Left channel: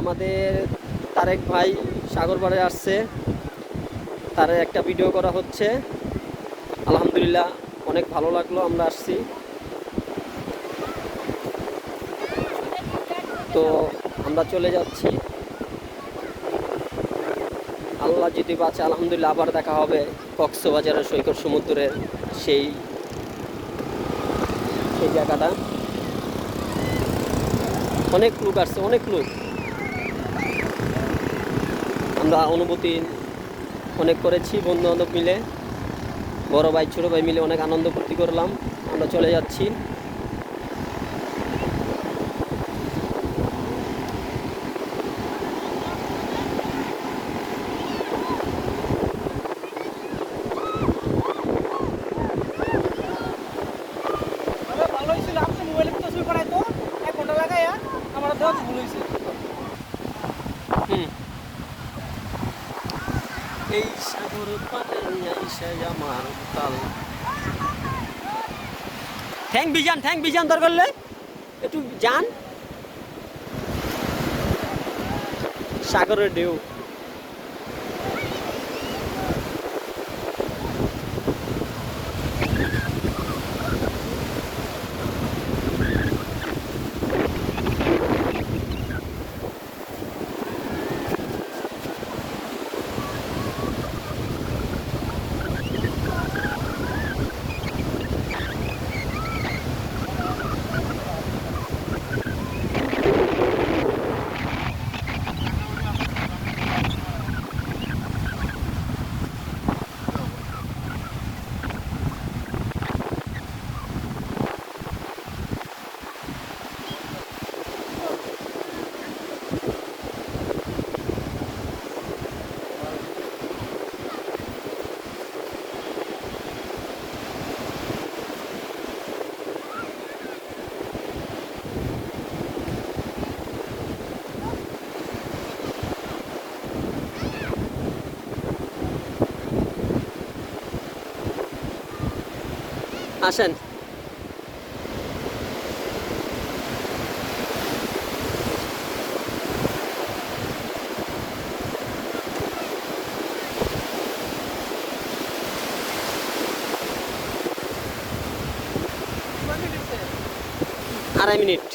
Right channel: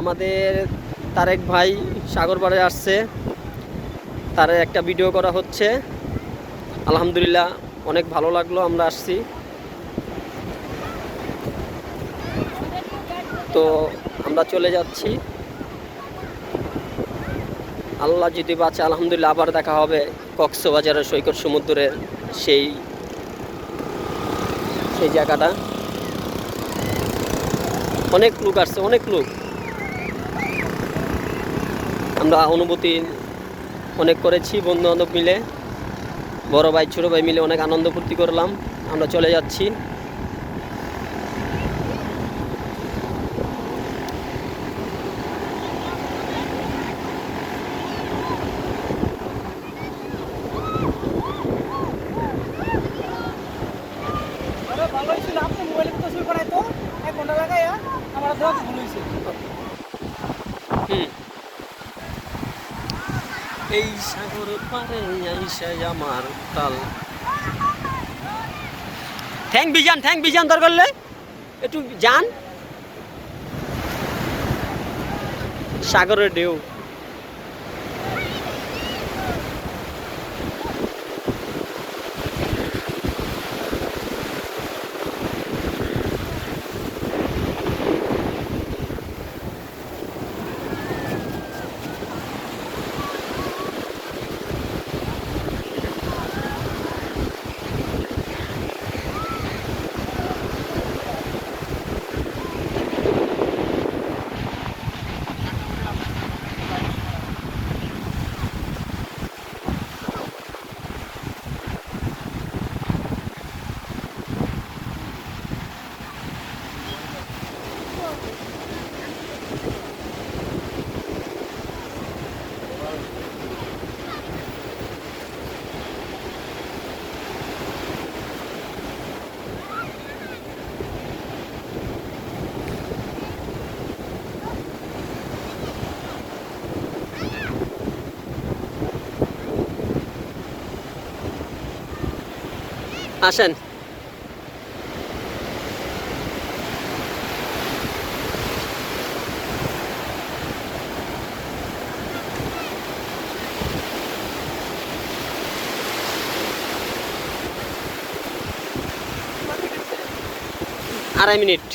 আমাদের তারেক ভাই সাগর পাড়ে আসছে, তার একটা ভিডিও করা হচ্ছে। আলহামদুলিল্লাহ অনেক ভালো লাগলো, আমরা আসছি। তো আমরা চলে যাচ্ছি, আল্লাহ যদি বাঁচে আলহামদুলিল্লাহ আবার দেখা হবে কক্সবাজারের সৈকত সমুদ্রের সেই সেই জায়গাটা। অনেক লোক আসছে, অনেক লোক। আমরা অনুভূতি অনেক করেছি বন্ধু বান্ধব মিলে, বড় ভাই ছোট ভাই মিলে অনেক আনন্দ ফুর্তি করলাম। আমরা চলে যাচ্ছি। এই সাগর পারে আইসা আমার তাল। ঠ্যাং বিজান দরকার করলে একটু যান। সাগরের ঢেউ। আসেন। আড়াই মিনিট।